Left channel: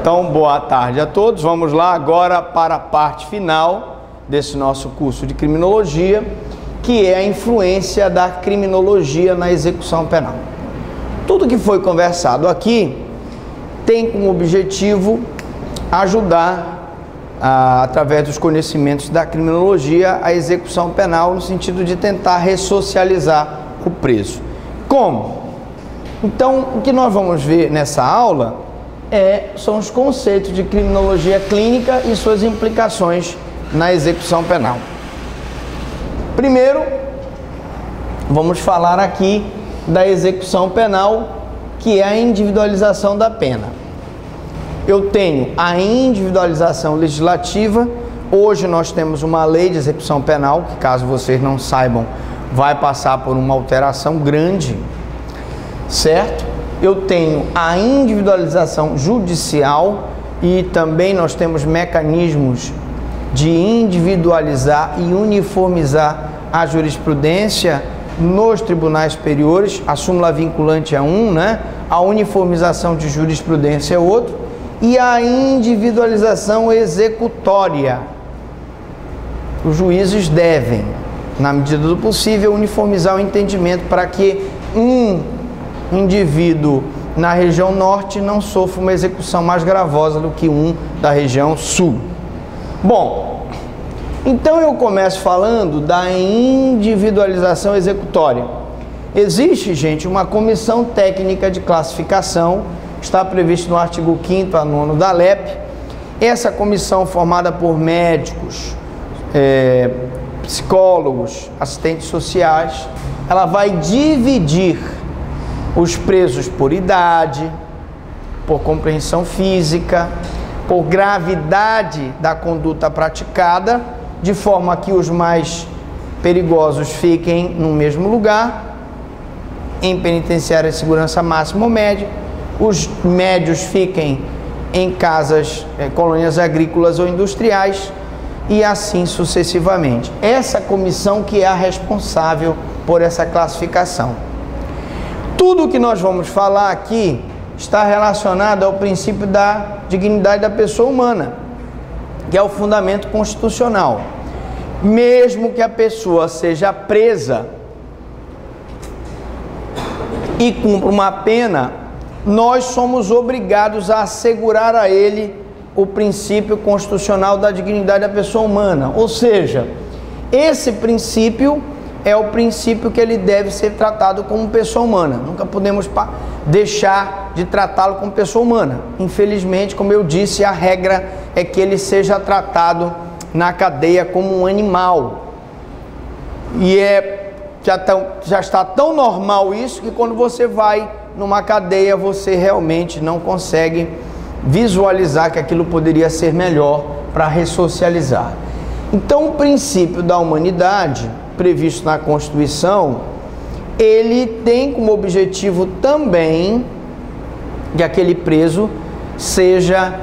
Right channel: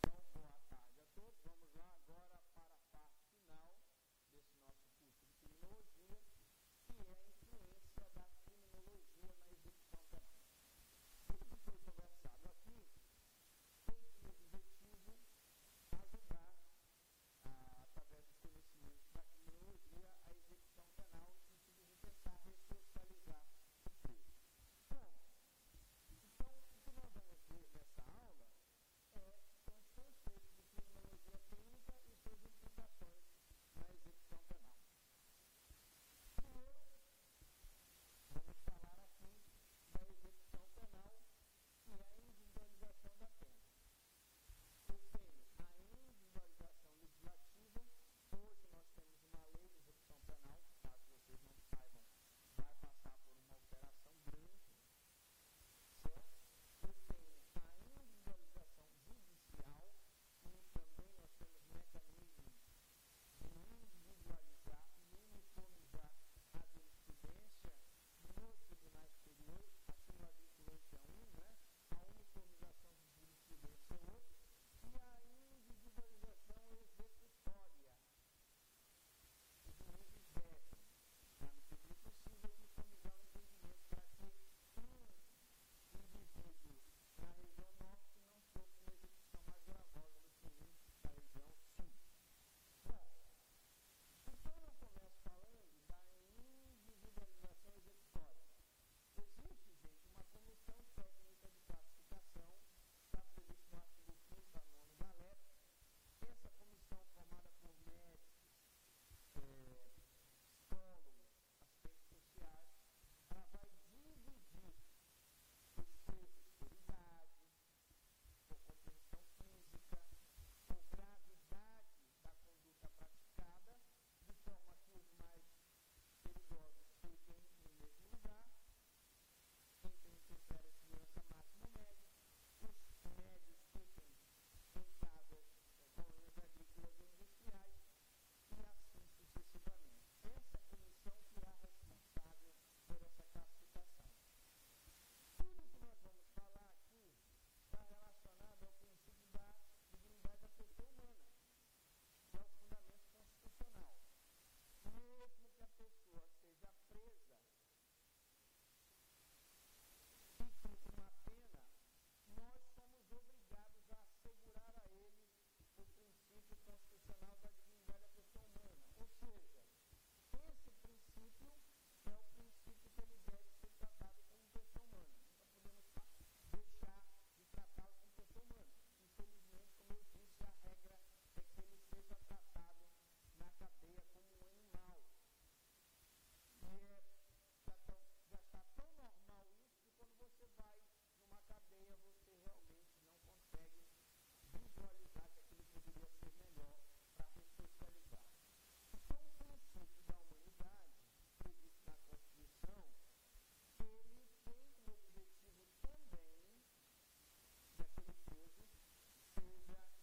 Então, boa tarde a todos. Vamos lá agora para a parte final desse nosso curso de criminologia, que é a influência da criminologia na execução penal. Tudo que foi conversado aqui tem como objetivo ajudar, através dos conhecimentos da criminologia, a execução penal, no sentido de tentar ressocializar o preso. Como? Então, o que nós vamos ver nessa aula são os conceitos de criminologia clínica e suas implicações na execução penal. Primeiro, vamos falar aqui da execução penal, que é a individualização da pena. Eu tenho a individualização legislativa. Hoje nós temos uma lei de execução penal, que, caso vocês não saibam, vai passar por uma alteração grande, certo? Eu tenho a individualização judicial e também nós temos mecanismos de individualizar e uniformizar a jurisprudência nos tribunais superiores. A súmula vinculante é um, né? A uniformização de jurisprudência é outro, e a individualização executória. Os juízes devem, na medida do possível, uniformizar o entendimento para que um indivíduo na região norte não sofra uma execução mais gravosa do que um da região sul. Bom, então eu começo falando da individualização executória. Existe, gente, uma comissão técnica de classificação, está previsto no artigo 5º a 9º da LEP. Essa comissão, formada por médicos, psicólogos, assistentes sociais, ela vai dividir os presos por idade, por compreensão física, por gravidade da conduta praticada, de forma que os mais perigosos fiquem no mesmo lugar, em penitenciária de segurança máxima ou média, os médios fiquem em casas, colônias agrícolas ou industriais, e assim sucessivamente. Essa comissão que é a responsável por essa classificação. Tudo o que nós vamos falar aqui está relacionado ao princípio da dignidade da pessoa humana, que é o fundamento constitucional. Mesmo que a pessoa seja presa e cumpra uma pena, nós somos obrigados a assegurar a ele o princípio constitucional da dignidade da pessoa humana. Ou seja, esse princípio é o princípio que ele deve ser tratado como pessoa humana. Nunca podemos deixar de tratá-lo como pessoa humana. Infelizmente, como eu disse, a regra é que ele seja tratado na cadeia como um animal. E já está tão normal isso que quando você vai numa cadeia, você realmente não consegue visualizar que aquilo poderia ser melhor para ressocializar. Então, o princípio da humanidade previsto na Constituição, ele tem como objetivo também que aquele preso seja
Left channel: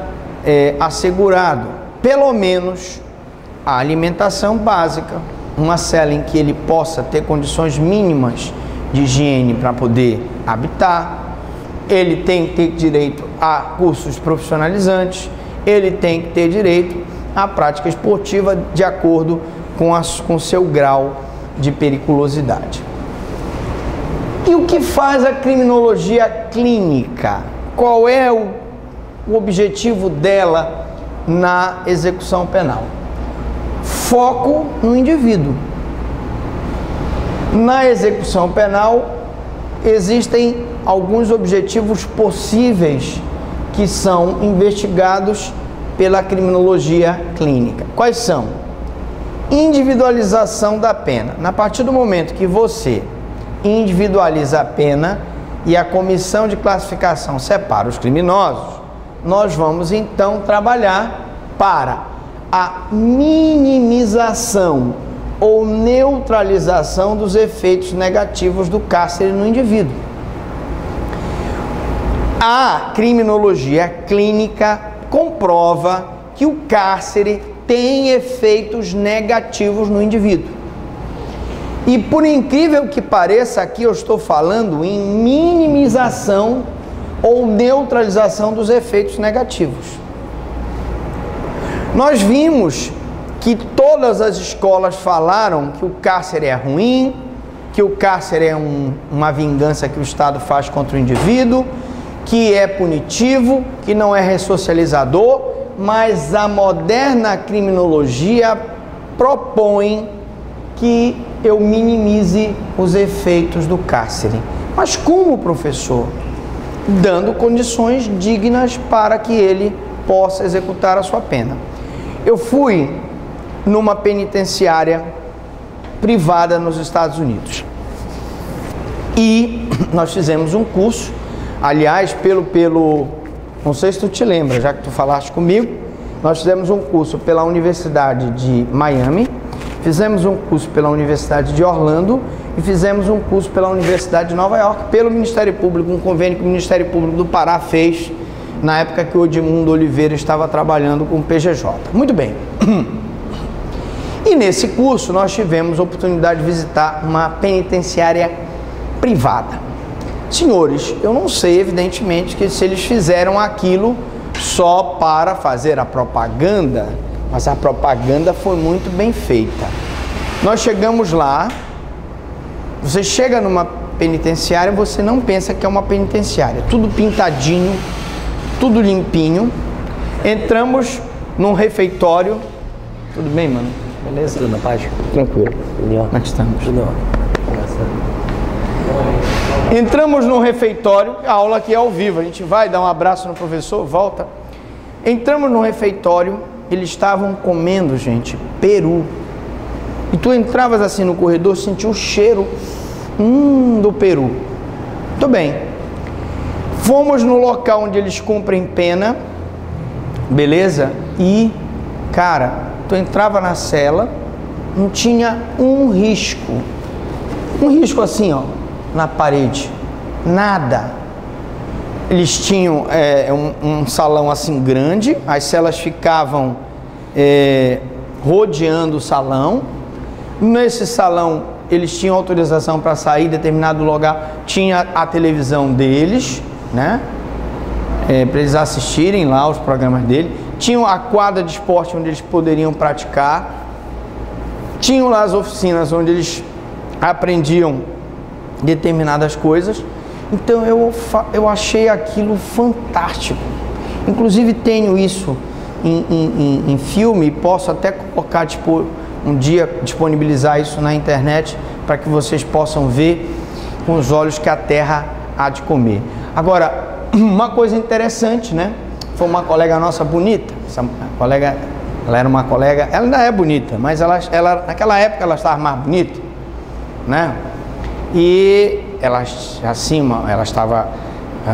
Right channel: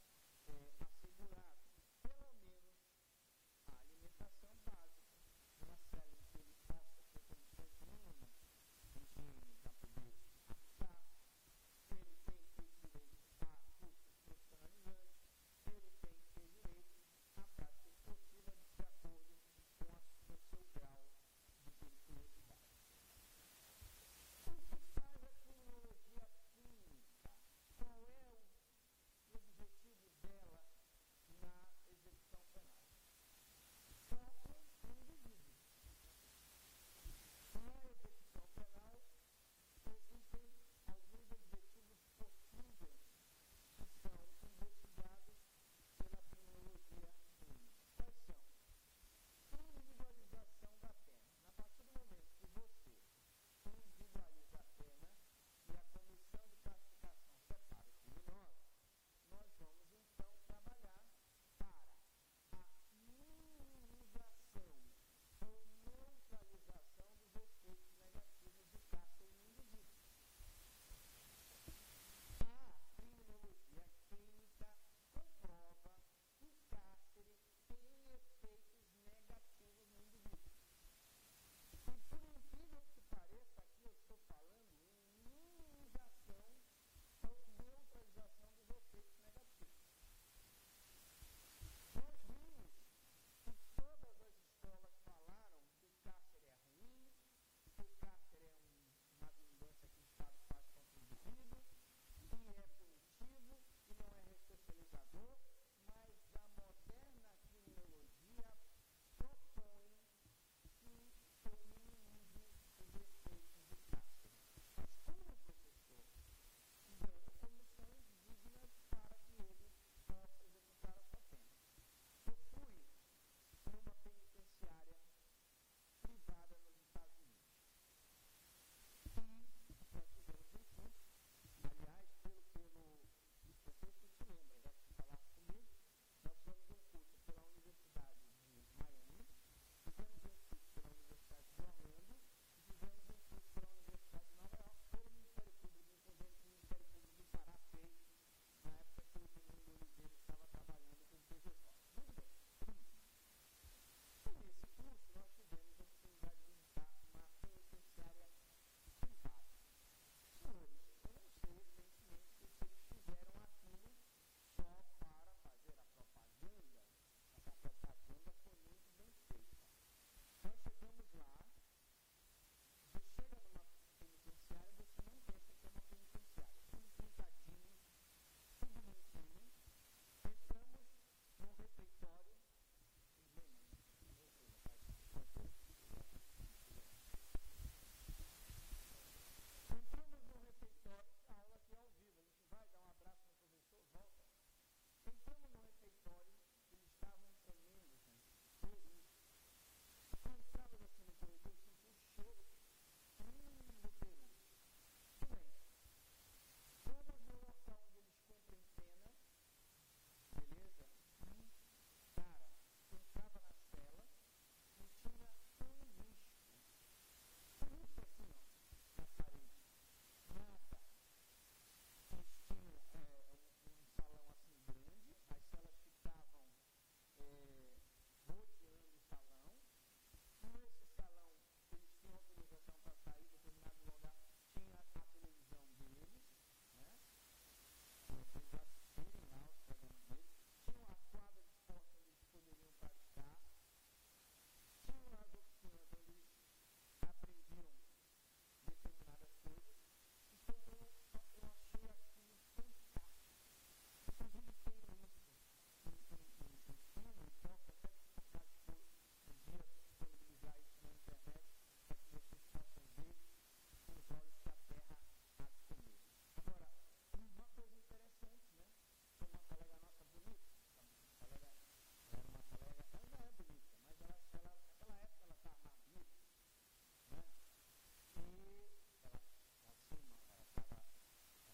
assegurado, pelo menos, a alimentação básica, uma cela em que ele possa ter condições mínimas de higiene para poder habitar, ele tem que ter direito a cursos profissionalizantes, ele tem que ter direito à prática esportiva de acordo com seu grau de periculosidade. E o que faz a criminologia clínica? Qual é o objetivo dela na execução penal? Foco no indivíduo. Na execução penal existem alguns objetivos possíveis que são investigados pela criminologia clínica. Quais são? Individualização da pena. A partir do momento que você individualiza a pena e a comissão de classificação separa os criminosos, nós vamos então trabalhar para a minimização ou neutralização dos efeitos negativos do cárcere no indivíduo. A criminologia clínica comprova que o cárcere tem efeitos negativos no indivíduo. E por incrível que pareça, aqui eu estou falando em minimização ou neutralização dos efeitos negativos. Nós vimos que todas as escolas falaram que o cárcere é ruim, que o cárcere é uma vingança que o Estado faz contra o indivíduo, que é punitivo, que não é ressocializador, mas a moderna criminologia propõe que eu minimize os efeitos do cárcere. Mas como, professor? Dando condições dignas para que ele possa executar a sua pena. Eu fui numa penitenciária privada nos Estados Unidos e nós fizemos um curso, aliás, não sei se tu te lembra, já que tu falaste comigo, nós fizemos um curso pela Universidade de Miami, fizemos um curso pela Universidade de Orlando e fizemos um curso pela Universidade de Nova York, pelo Ministério Público, um convênio que o Ministério Público do Pará fez na época que o Edmundo Oliveira estava trabalhando com o PGJ. Muito bem. E nesse curso nós tivemos a oportunidade de visitar uma penitenciária privada. Senhores, eu não sei, evidentemente, que se eles fizeram aquilo só para fazer a propaganda, mas a propaganda foi muito bem feita. Nós chegamos lá, você chega numa penitenciária, você não pensa que é uma penitenciária, tudo pintadinho, tudo limpinho. Entramos num refeitório. Tudo bem, mano? Beleza? Tudo na paz? Tranquilo. Como é que estamos? Tudo. Entramos num refeitório, a aula aqui é ao vivo, a gente vai dar um abraço no professor, volta. Entramos num refeitório, eles estavam comendo, gente, peru. E tu entravas assim no corredor, sentia o cheiro do peru. Muito bem. Fomos no local onde eles cumprem pena, beleza? E, cara, tu entrava na cela, não tinha um risco assim, ó, na parede, nada. Eles tinham um salão assim grande, as celas ficavam rodeando o salão. Nesse salão eles tinham autorização para sair em determinado lugar, tinha a televisão deles, né? Para eles assistirem lá os programas dele. Tinham a quadra de esporte onde eles poderiam praticar. Tinham lá as oficinas onde eles aprendiam determinadas coisas. Então eu achei aquilo fantástico. Inclusive tenho isso em filme, posso até colocar, tipo, um dia disponibilizar isso na internet para que vocês possam ver com os olhos que a terra há de comer. Agora, uma coisa interessante, né? Foi uma colega nossa bonita, essa colega, ela era uma colega, ela ainda é bonita, mas ela naquela época ela estava mais bonita, né? E ela estava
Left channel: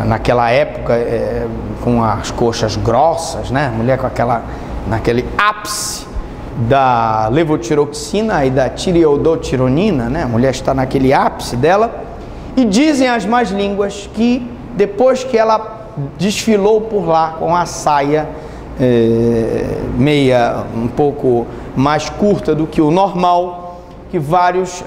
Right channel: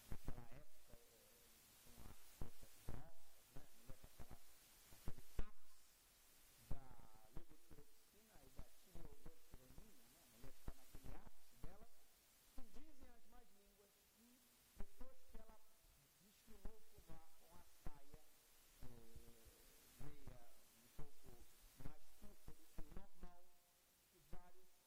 naquela época com as coxas grossas, né? Mulher com naquele ápice da levotiroxina e da tireodotironina, né? A mulher está naquele ápice dela. E dizem as más línguas que depois que ela desfilou por lá com a saia meia um pouco mais curta do que o normal, que vários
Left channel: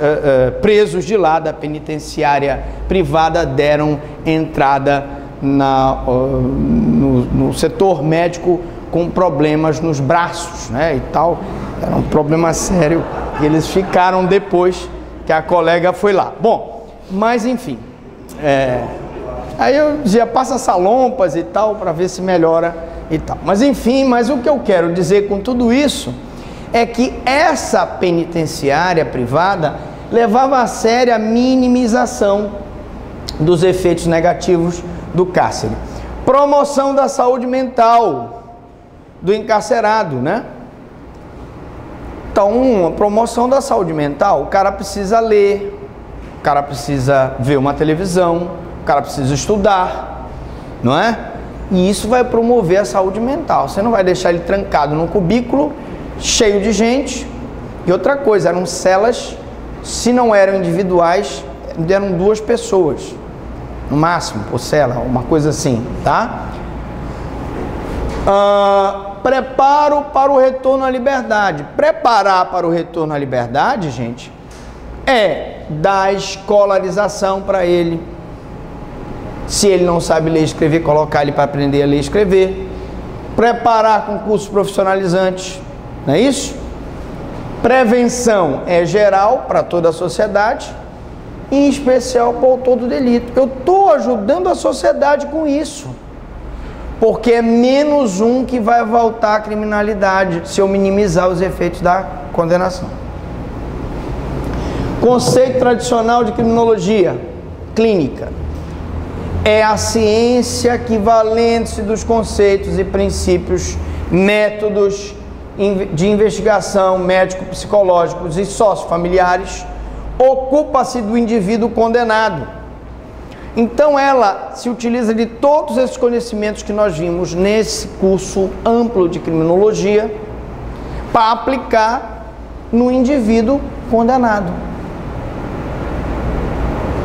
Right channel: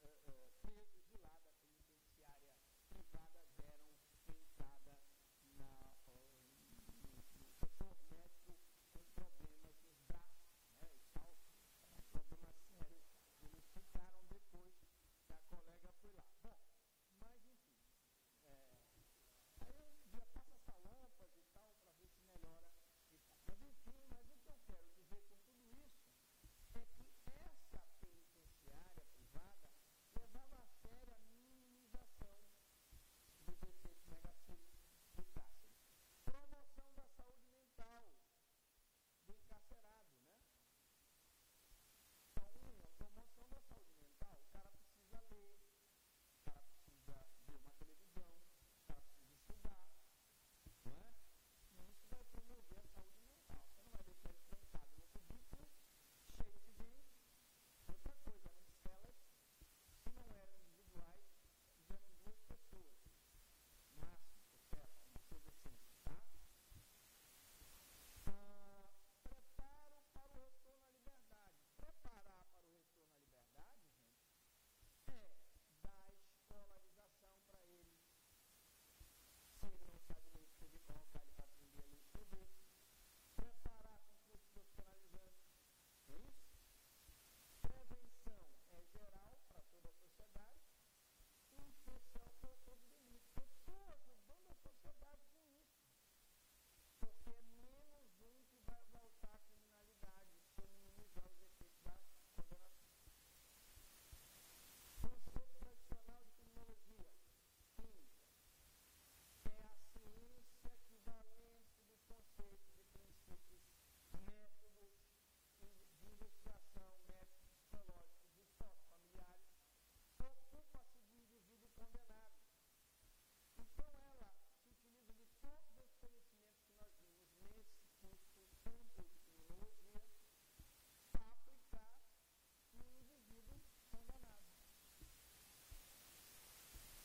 presos de lá da penitenciária privada deram entrada no setor médico com problemas nos braços, né, e tal. Era um problema sério e eles ficaram depois que a colega foi lá. Bom, mas enfim, aí eu dizia, passa salompas e tal, para ver se melhora e tal. Mas enfim, mas o que eu quero dizer com tudo isso é que essa penitenciária privada levava a sério a minimização dos efeitos negativos do cárcere. Promoção da saúde mental do encarcerado, né? Então, uma promoção da saúde mental, o cara precisa ler, o cara precisa ver uma televisão, o cara precisa estudar, não é? E isso vai promover a saúde mental. Você não vai deixar ele trancado num cubículo cheio de gente. E outra coisa, eram celas, se não eram individuais, eram 2 pessoas, no máximo, por cela, uma coisa assim, tá? Preparo para o retorno à liberdade. Preparar para o retorno à liberdade, gente, é dar escolarização para ele, Se ele não sabe ler e escrever, colocar ele para aprender a ler e escrever. Preparar concursos profissionalizantes, não é isso? Prevenção é geral para toda a sociedade, em especial para o autor do delito. Eu estou ajudando a sociedade com isso, porque é menos um que vai voltar à criminalidade se eu minimizar os efeitos da condenação. Conceito tradicional de criminologia clínica é a ciência que, valendo-se dos conceitos e princípios, métodos de investigação médico-psicológicos e sociofamiliares, ocupa-se do indivíduo condenado. Então ela se utiliza de todos esses conhecimentos que nós vimos nesse curso amplo de criminologia para aplicar no indivíduo condenado.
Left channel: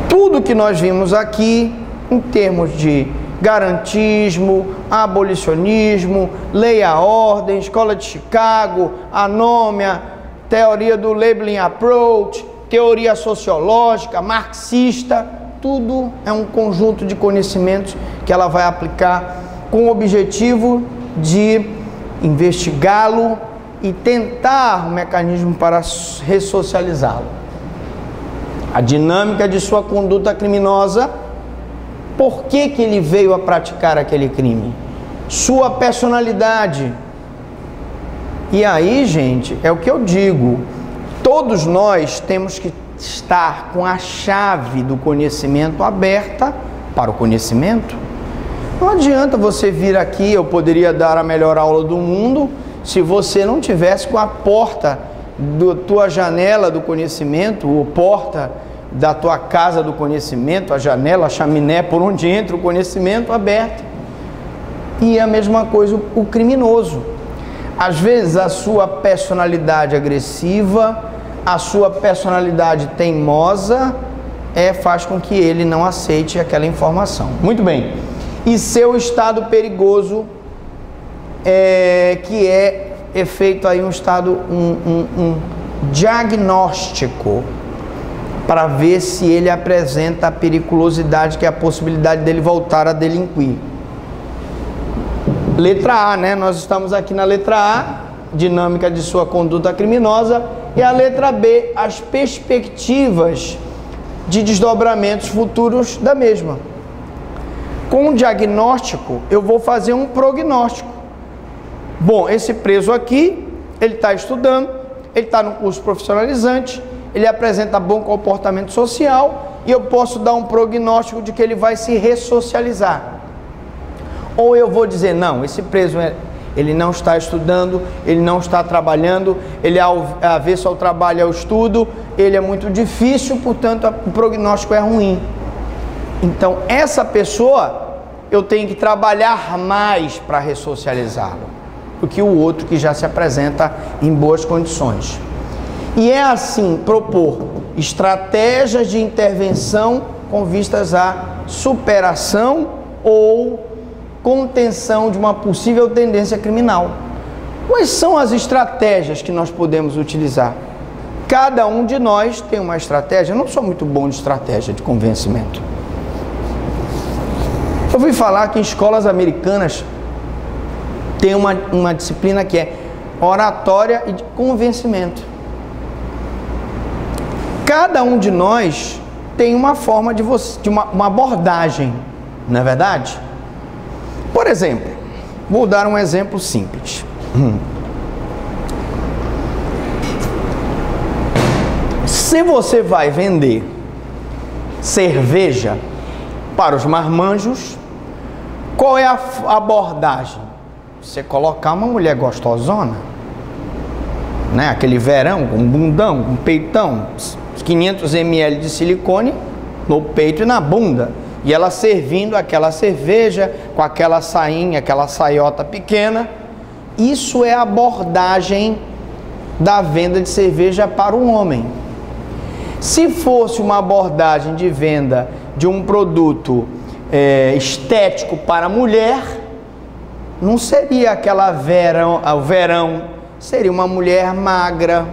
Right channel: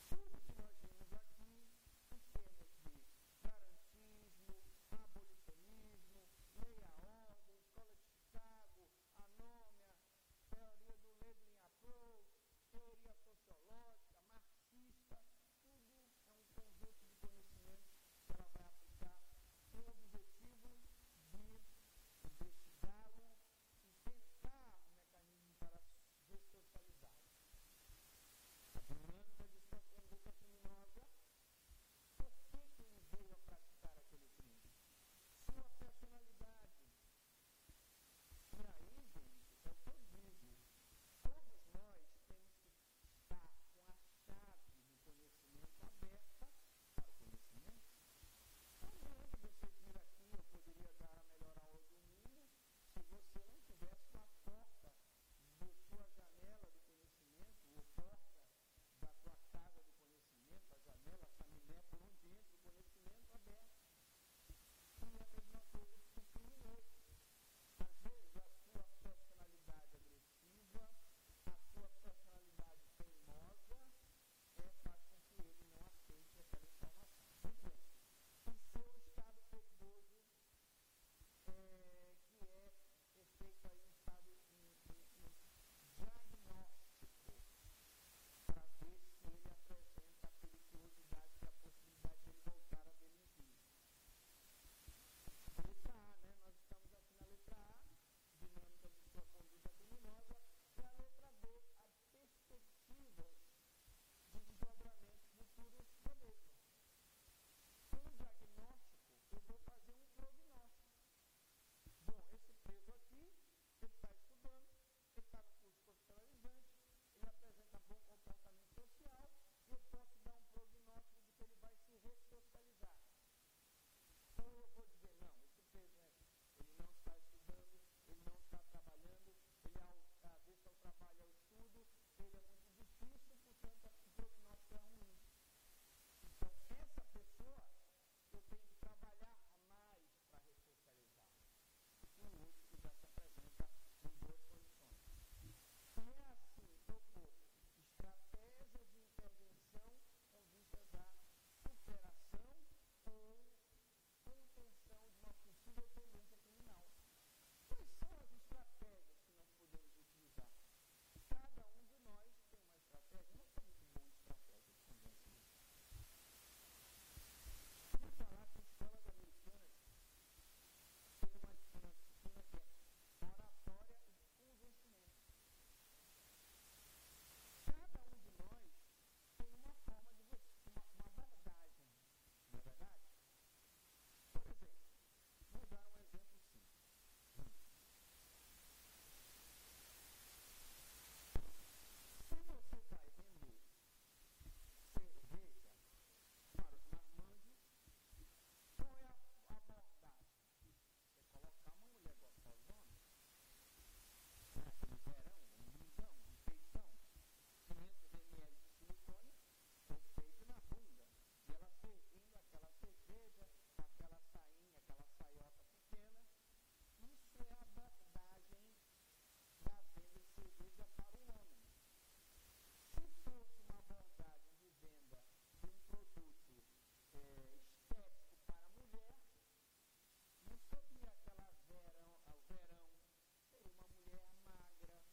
Tudo que nós vimos aqui em termos de garantismo, abolicionismo, lei à ordem, escola de Chicago, anômia, teoria do labeling approach, teoria sociológica, marxista, tudo é um conjunto de conhecimentos que ela vai aplicar com o objetivo de investigá-lo e tentar um mecanismo para ressocializá-lo. A dinâmica de sua conduta criminosa. Por que que ele veio a praticar aquele crime? Sua personalidade. E aí, gente, é o que eu digo. Todos nós temos que estar com a chave do conhecimento aberta para o conhecimento. Não adianta você vir aqui, eu poderia dar a melhor aula do mundo, se você não tivesse com a porta da tua janela do conhecimento, ou porta da tua casa do conhecimento, a janela, a chaminé, por onde entra o conhecimento, aberta. E a mesma coisa o criminoso. Às vezes a sua personalidade agressiva, a sua personalidade teimosa, faz com que ele não aceite aquela informação. Muito bem. E seu estado perigoso, que é feito aí um estado, um diagnóstico, para ver se ele apresenta a periculosidade, que é a possibilidade dele voltar a delinquir. Letra A, né? Nós estamos aqui na letra A, dinâmica de sua conduta criminosa, e a letra B, as perspectivas de desdobramentos futuros da mesma. Com o diagnóstico, eu vou fazer um prognóstico. Bom, esse preso aqui, ele está estudando, ele está no curso profissionalizante, ele apresenta bom comportamento social e eu posso dar um prognóstico de que ele vai se ressocializar. Ou eu vou dizer, não, esse preso, ele não está estudando, ele não está trabalhando, ele é avesso ao trabalho e ao estudo, ele é muito difícil, portanto o prognóstico é ruim. Então essa pessoa, eu tenho que trabalhar mais para ressocializá-lo do que o outro que já se apresenta em boas condições. E é assim, propor estratégias de intervenção com vistas à superação ou contenção de uma possível tendência criminal. Quais são as estratégias que nós podemos utilizar? Cada um de nós tem uma estratégia. Eu não sou muito bom de estratégia de convencimento. Eu ouvi falar que em escolas americanas tem uma disciplina que é oratória e de convencimento. Cada um de nós tem uma forma de uma abordagem, não é verdade? Por exemplo, vou dar um exemplo simples. Se você vai vender cerveja para os marmanjos, qual é a abordagem? Você colocar uma mulher gostosona, né? Aquele verão, com bundão, com peitão, 500 ml de silicone no peito e na bunda, e ela servindo aquela cerveja com aquela sainha, aquela saiota pequena. Isso é a abordagem da venda de cerveja para um homem. Se fosse uma abordagem de venda de um produto estético para a mulher, não seria aquela verão, seria uma mulher magra,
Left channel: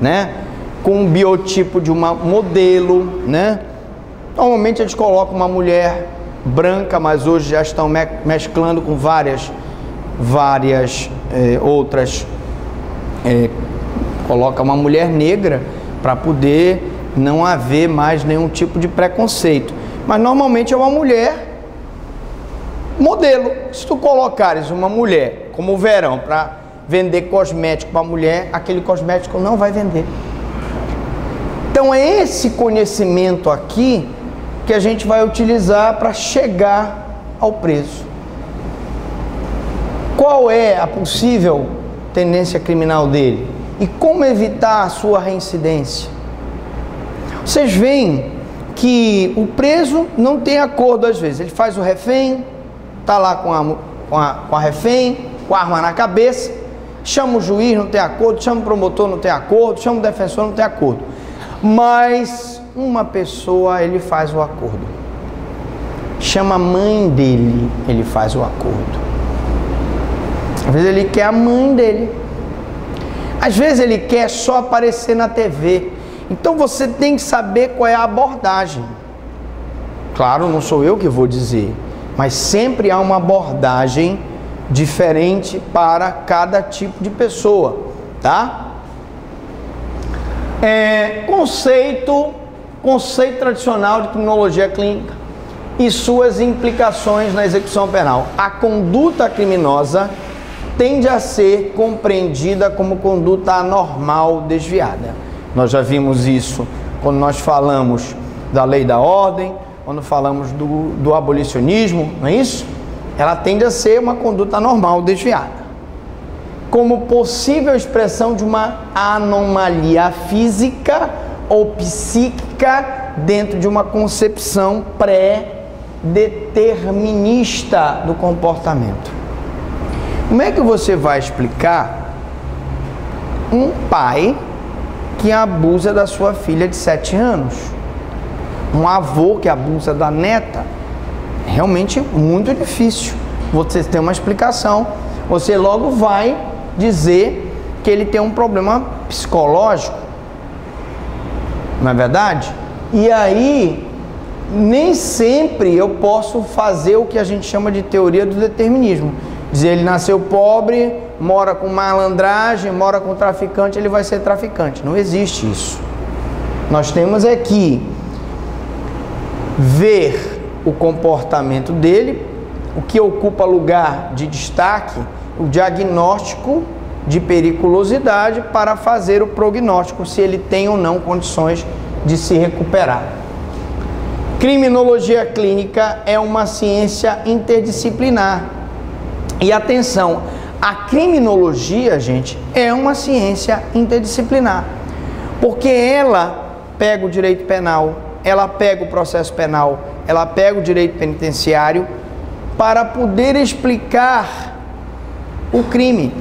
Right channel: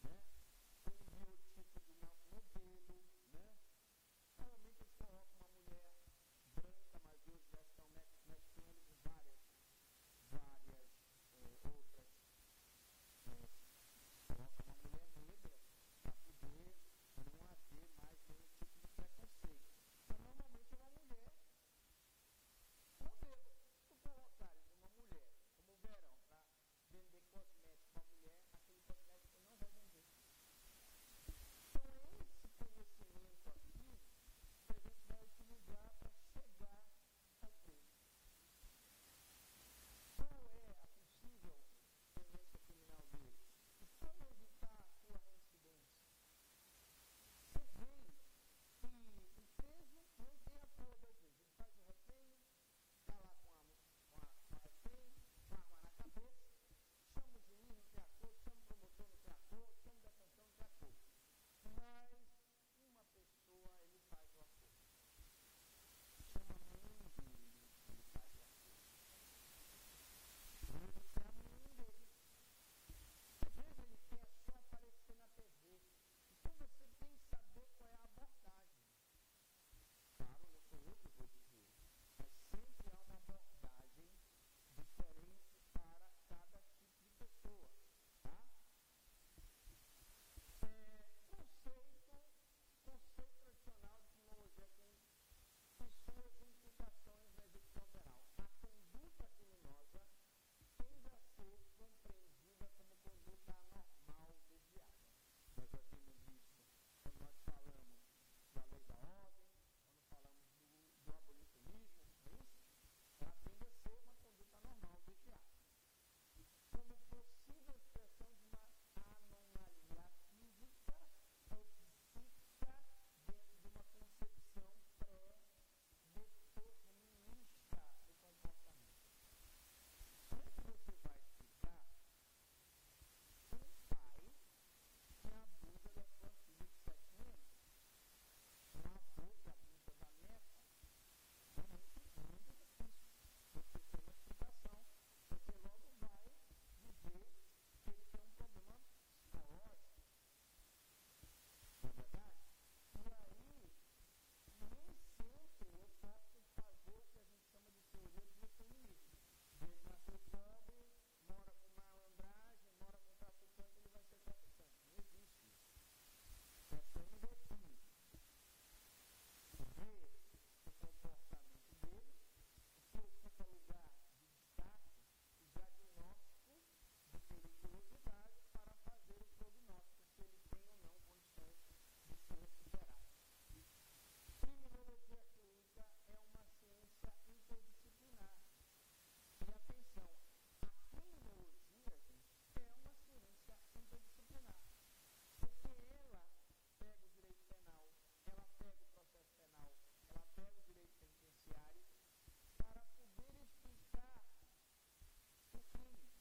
né? Com um biotipo de uma modelo, né? Normalmente eles colocam uma mulher branca, mas hoje já estão mesclando com várias outras. Coloca uma mulher negra para poder não haver mais nenhum tipo de preconceito. Mas normalmente é uma mulher modelo. Se tu colocares uma mulher como o Verão para vender cosmético para mulher, aquele cosmético não vai vender. Então é esse conhecimento aqui que a gente vai utilizar para chegar ao preso. Qual é a possível tendência criminal dele? E como evitar a sua reincidência? Vocês veem que o preso não tem acordo às vezes. Ele faz o refém, está lá com a refém, com a arma na cabeça, chama o juiz, não tem acordo, chama o promotor, não tem acordo, chama o defensor, não tem acordo. Mas uma pessoa, ele faz o acordo. Chama a mãe dele, ele faz o acordo. Às vezes ele quer a mãe dele. Às vezes ele quer só aparecer na TV. Então você tem que saber qual é a abordagem. Claro, não sou eu que vou dizer, mas sempre há uma abordagem diferente para cada tipo de pessoa, tá? Conceito tradicional de criminologia clínica e suas implicações na execução penal. A conduta criminosa tende a ser compreendida como conduta anormal desviada. Nós já vimos isso quando nós falamos da lei da ordem, quando falamos do abolicionismo, não é isso? Ela tende a ser uma conduta anormal desviada, como possível expressão de uma anomalia física ou psíquica dentro de uma concepção pré-determinista do comportamento. Como é que você vai explicar um pai que abusa da sua filha de 7 anos? Um avô que abusa da neta? Realmente muito difícil. Você tem uma explicação, você logo vai dizer que ele tem um problema psicológico, não é verdade? E aí, nem sempre eu posso fazer o que a gente chama de teoria do determinismo. Dizer, ele nasceu pobre, mora com malandragem, mora com traficante, ele vai ser traficante. Não existe isso. Nós temos aqui ver o comportamento dele, o que ocupa lugar de destaque, o diagnóstico de periculosidade para fazer o prognóstico, se ele tem ou não condições de se recuperar. Criminologia clínica é uma ciência interdisciplinar. E atenção, a criminologia, gente, é uma ciência interdisciplinar, porque ela pega o direito penal, ela pega o processo penal, ela pega o direito penitenciário para poder explicar o crime.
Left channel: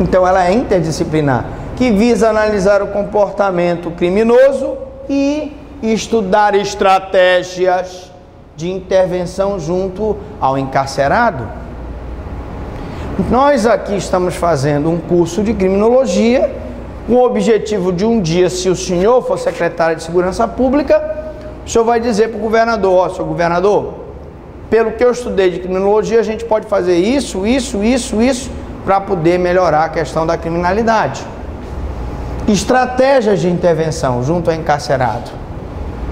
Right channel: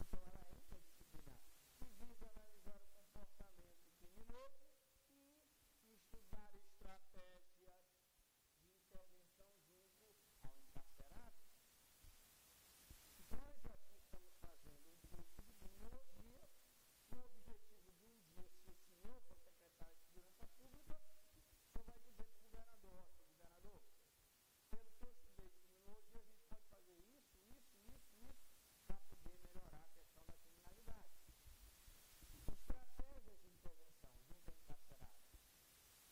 Então ela é interdisciplinar, que visa analisar o comportamento criminoso e estudar estratégias de intervenção junto ao encarcerado. Nós aqui estamos fazendo um curso de criminologia com o objetivo de um dia, se o senhor for secretário de Segurança Pública, o senhor vai dizer para o governador: ó, senhor governador, pelo que eu estudei de criminologia, a gente pode fazer isso para poder melhorar a questão da criminalidade. Estratégias de intervenção junto ao encarcerado.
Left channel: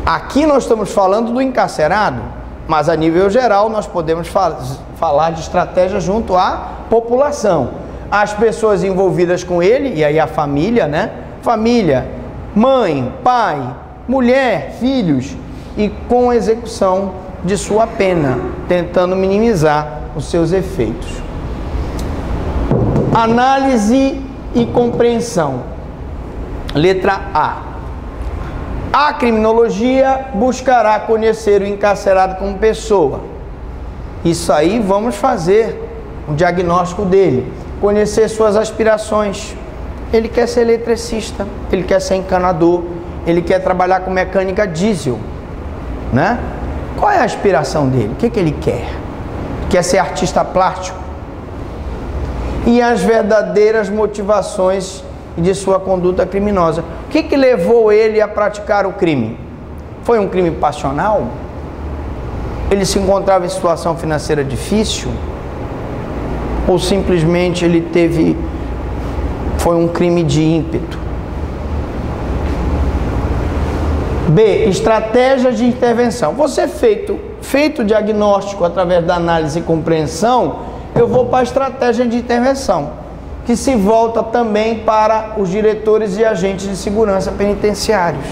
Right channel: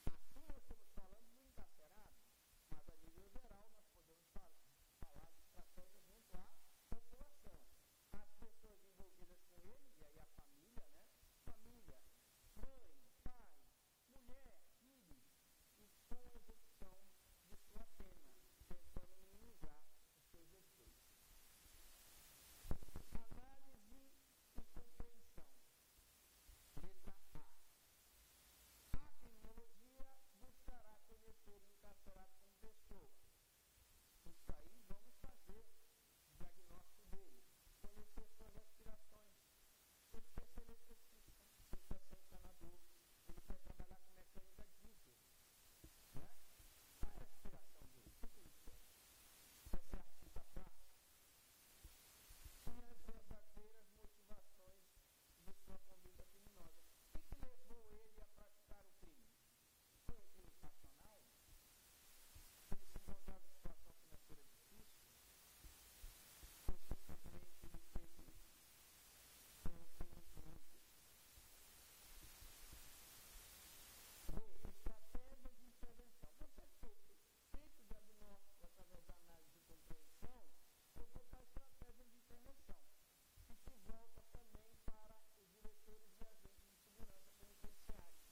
Aqui nós estamos falando do encarcerado, mas a nível geral nós podemos falar de estratégia junto à população. As pessoas envolvidas com ele, e aí a família, né? Família, mãe, pai, mulher, filhos, e com execução de sua pena, tentando minimizar os seus efeitos. Análise e compreensão. Letra A. A criminologia buscará conhecer o encarcerado como pessoa. Isso aí vamos fazer o diagnóstico dele. Conhecer suas aspirações. Ele quer ser eletricista, ele quer ser encanador, ele quer trabalhar com mecânica diesel, né? Qual é a aspiração dele? O que ele quer? Quer ser artista plástico? E as verdadeiras motivações de sua conduta criminosa. O que levou ele a praticar o crime? Foi um crime passional? ele se encontrava em situação financeira difícil? Ou simplesmente foi um crime de ímpeto? B, estratégias de intervenção. Você feito o diagnóstico através da análise e compreensão, eu vou para a estratégia de intervenção, que se volta também para os diretores e agentes de segurança penitenciários.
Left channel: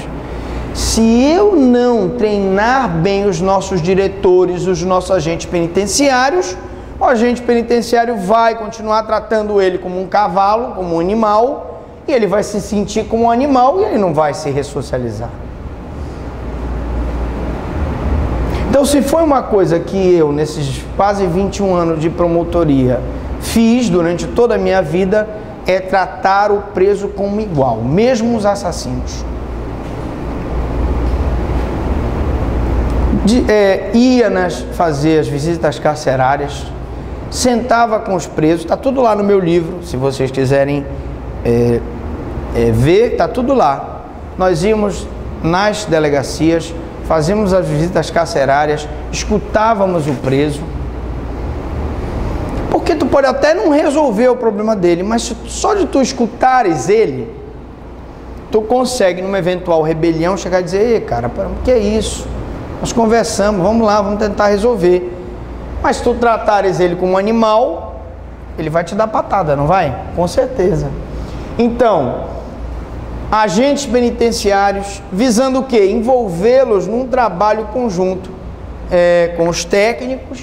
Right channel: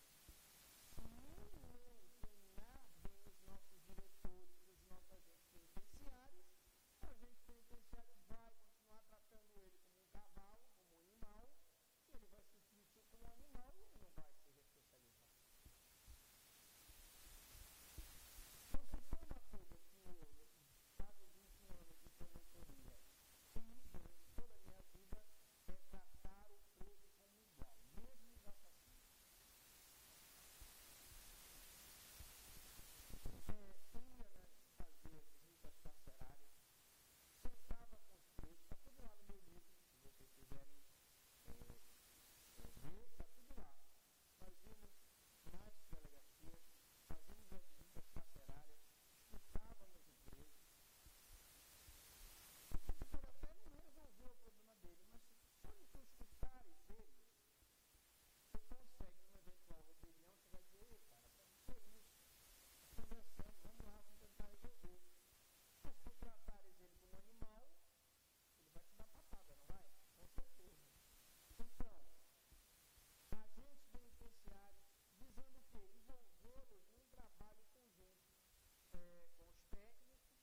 Se eu não treinar bem os nossos diretores, os nossos agentes penitenciários, o agente penitenciário vai continuar tratando ele como um cavalo, como um animal, e ele vai se sentir como um animal e ele não vai se ressocializar. Então, se foi uma coisa que eu, nesses quase 21 anos de promotoria, fiz durante toda a minha vida, é tratar o preso como igual, mesmo os assassinos. Ia fazer as visitas carcerárias, sentava com os presos, está tudo lá no meu livro, se vocês quiserem ver, está tudo lá. Nós íamos nas delegacias, fazíamos as visitas carcerárias, escutávamos o preso, porque tu pode até não resolver o problema dele, mas só de tu escutares ele, tu consegue, numa eventual rebelião, chegar e dizer: ei, cara, o que é isso? Nós conversamos, vamos lá, vamos tentar resolver. Mas se tu tratares ele como um animal, ele vai te dar patada, não vai? Com certeza. Então, agentes penitenciários, visando o quê? Envolvê-los num trabalho conjunto com os técnicos,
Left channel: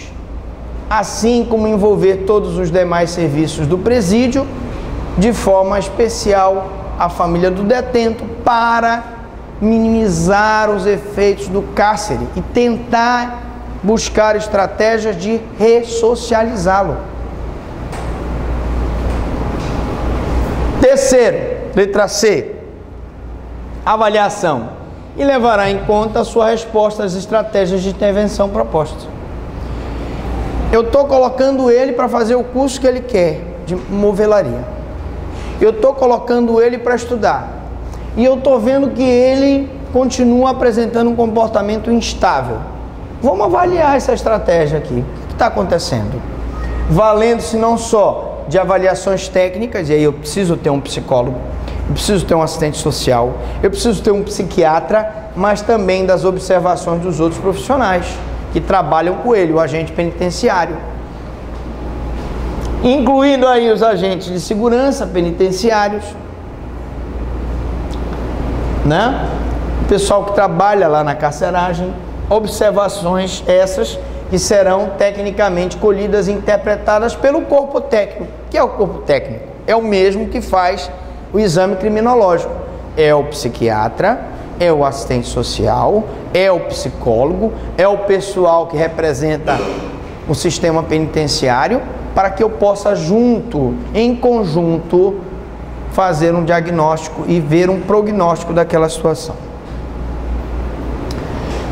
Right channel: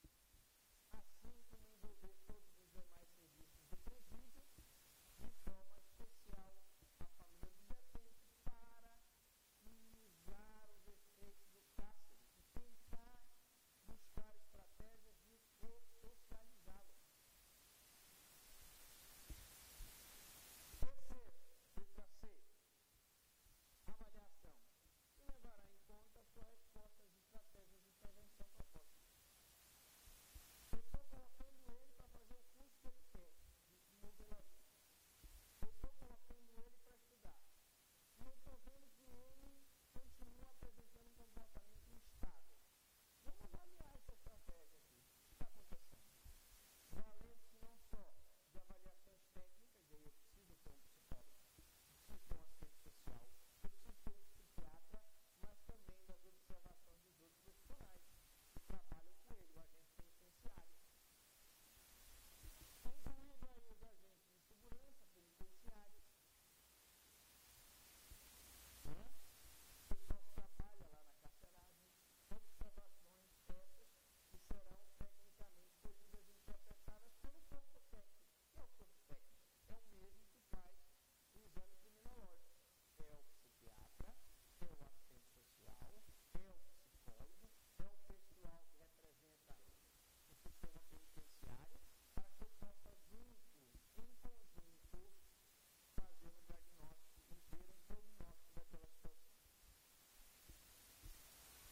assim como envolver todos os demais serviços do presídio, de forma especial a família do detento, para minimizar os efeitos do cárcere e tentar buscar estratégias de ressocializá-lo. Terceiro, letra C, avaliação, e levará em conta a sua resposta às estratégias de intervenção propostas. Eu estou colocando ele para fazer o curso que ele quer, de movelaria. Eu estou colocando ele para estudar. E eu estou vendo que ele continua apresentando um comportamento instável. Vamos avaliar essa estratégia aqui. O que está acontecendo? Valendo-se não só de avaliações técnicas, e aí eu preciso ter um psicólogo, eu preciso ter um assistente social, eu preciso ter um psiquiatra, mas também das observações dos outros profissionais que trabalham com ele, o agente penitenciário. Incluindo aí os agentes de segurança penitenciários, né? O pessoal que trabalha lá na carceragem, observações essas que serão tecnicamente colhidas e interpretadas pelo corpo técnico. O que é o corpo técnico? É o mesmo que faz o exame criminológico. É o psiquiatra, é o assistente social, é o psicólogo, é o pessoal que representa o sistema penitenciário, para que eu possa em conjunto, fazer um diagnóstico e ver um prognóstico daquela situação.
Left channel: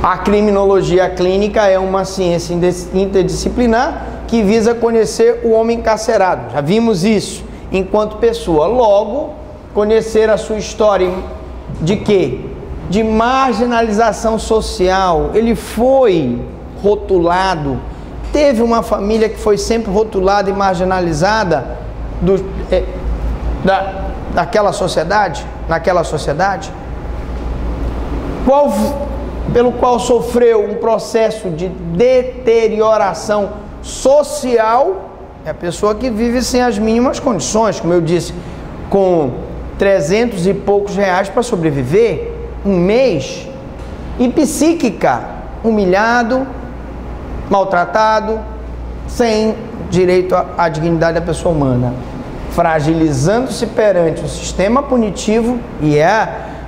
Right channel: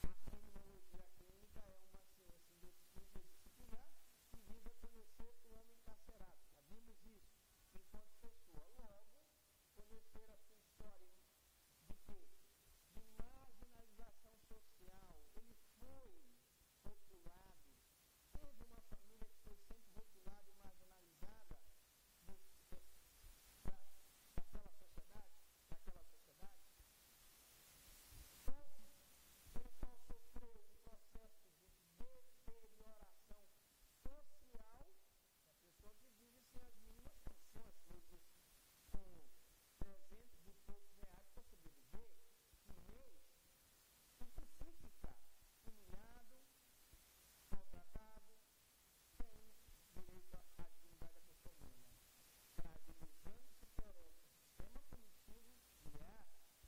A criminologia clínica é uma ciência interdisciplinar que visa conhecer o homem encarcerado. Já vimos isso enquanto pessoa. Logo, conhecer a sua história de quê? De marginalização social. Ele foi rotulado, teve uma família que foi sempre rotulada e marginalizada naquela sociedade, pelo qual sofreu um processo de deterioração social. É a pessoa que vive sem as mínimas condições, como eu disse, com 300 e poucos reais para sobreviver, um mês, e psíquica, humilhado, maltratado, sem direito à dignidade da pessoa humana, fragilizando-se perante o sistema punitivo, e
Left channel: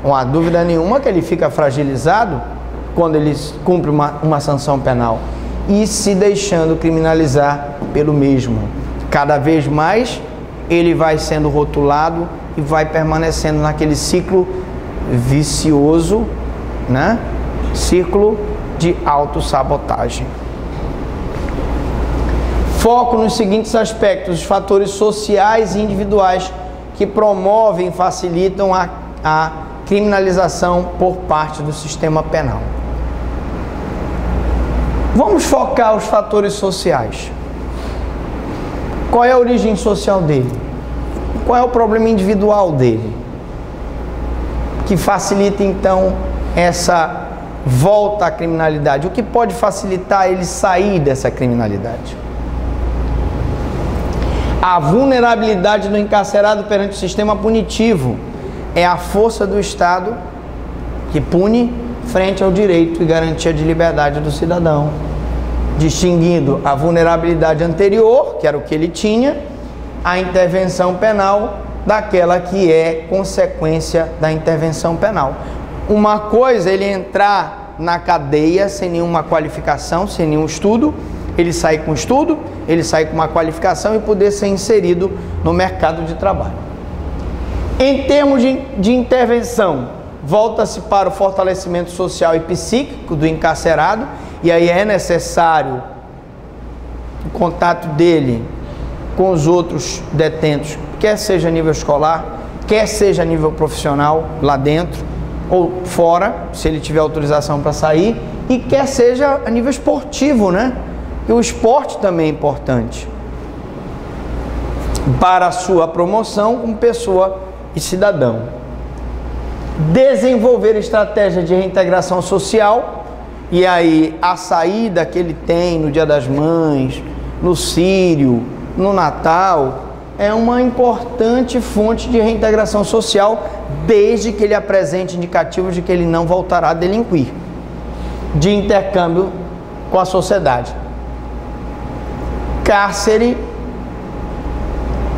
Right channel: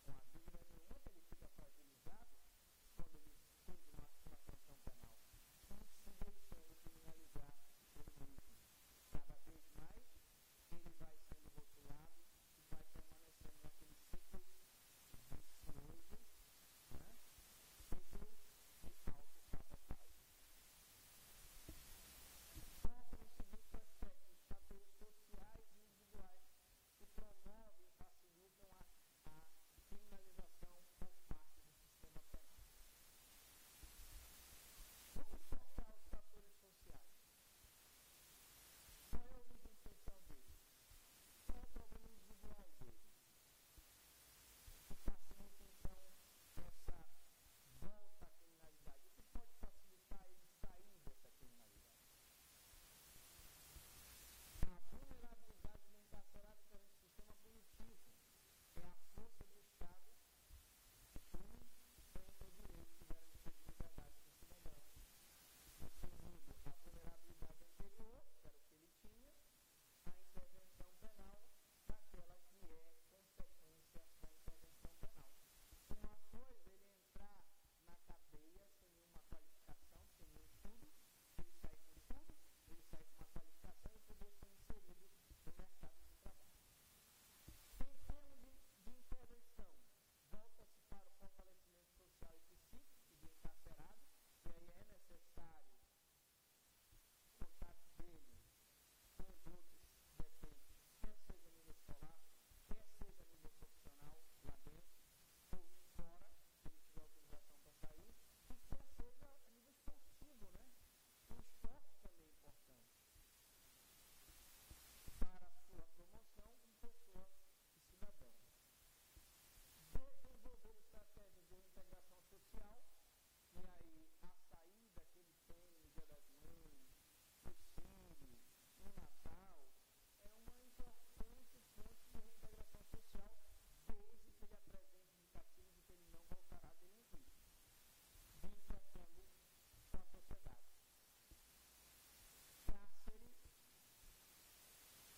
não há dúvida nenhuma que ele fica fragilizado quando ele cumpre uma sanção penal, e se deixando criminalizar pelo mesmo. Cada vez mais ele vai sendo rotulado e vai permanecendo naquele ciclo vicioso, né? Ciclo de autossabotagem. Foco nos seguintes aspectos: os fatores sociais e individuais que promovem e facilitam a criminalização por parte do sistema penal. Vamos focar os fatores sociais. Qual é a origem social dele? Qual é o problema individual dele? Que facilita então essa volta à criminalidade. O que pode facilitar ele sair dessa criminalidade? A vulnerabilidade do encarcerado perante o sistema punitivo é a força do Estado que pune frente ao direito e garantia de liberdade do cidadão, distinguindo a vulnerabilidade anterior, que era o que ele tinha, a intervenção penal daquela que é consequência da intervenção penal. Uma coisa é ele entrar na cadeia sem nenhuma qualificação, sem nenhum estudo, ele sair com estudo, ele sair com uma qualificação e poder ser inserido no mercado de trabalho. Em termos de intervenção, volta-se para o fortalecimento social e psíquico do encarcerado, e aí é necessário o contato dele com os outros detentos, quer seja a nível escolar, quer seja a nível profissional, lá dentro ou fora, se ele tiver autorização para sair, e quer seja a nível esportivo, né? E o esporte também é importante para a sua promoção como pessoa e cidadão. Desenvolver estratégia de reintegração social, e aí a saída que ele tem no Dia das Mães, no Sírio, no Natal, é uma importante fonte de reintegração social, desde que ele apresente indicativos de que ele não voltará a delinquir, de intercâmbio com a sociedade. Cárcere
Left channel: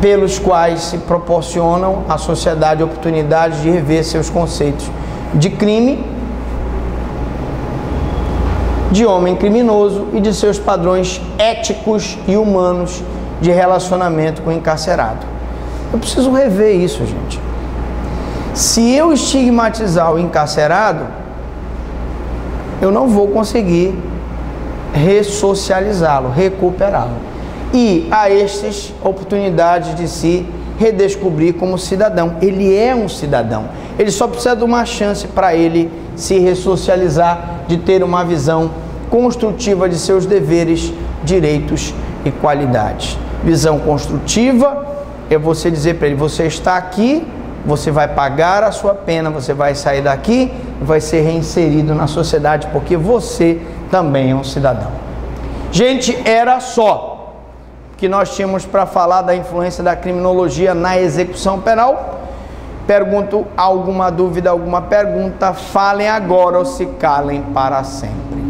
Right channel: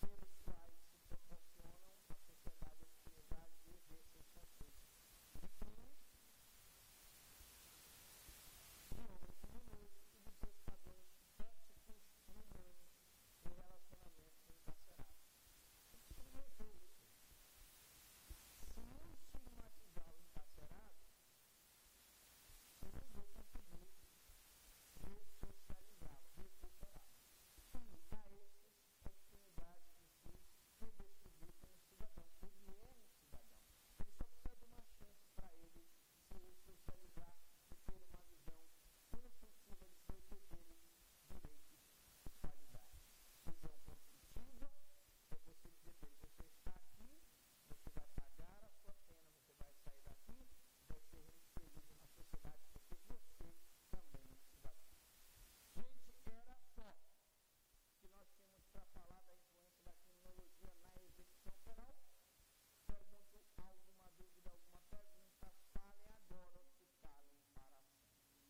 pelos quais se proporcionam à sociedade oportunidades de rever seus conceitos de crime, de homem criminoso e de seus padrões éticos e humanos de relacionamento com o encarcerado. Eu preciso rever isso, gente. Se eu estigmatizar o encarcerado, eu não vou conseguir ressocializá-lo, recuperá-lo. E a estes oportunidades de se redescobrir como cidadão. Ele é um cidadão. Ele só precisa de uma chance para ele se ressocializar, de ter uma visão construtiva de seus deveres, direitos e qualidades. Visão construtiva é você dizer para ele: você está aqui, você vai pagar a sua pena, você vai sair daqui e vai ser reinserido na sociedade, porque você também é um cidadão. Gente, era só que nós tínhamos para falar da influência da criminologia na execução penal. Pergunto alguma dúvida, alguma pergunta, falem agora ou se calem para sempre.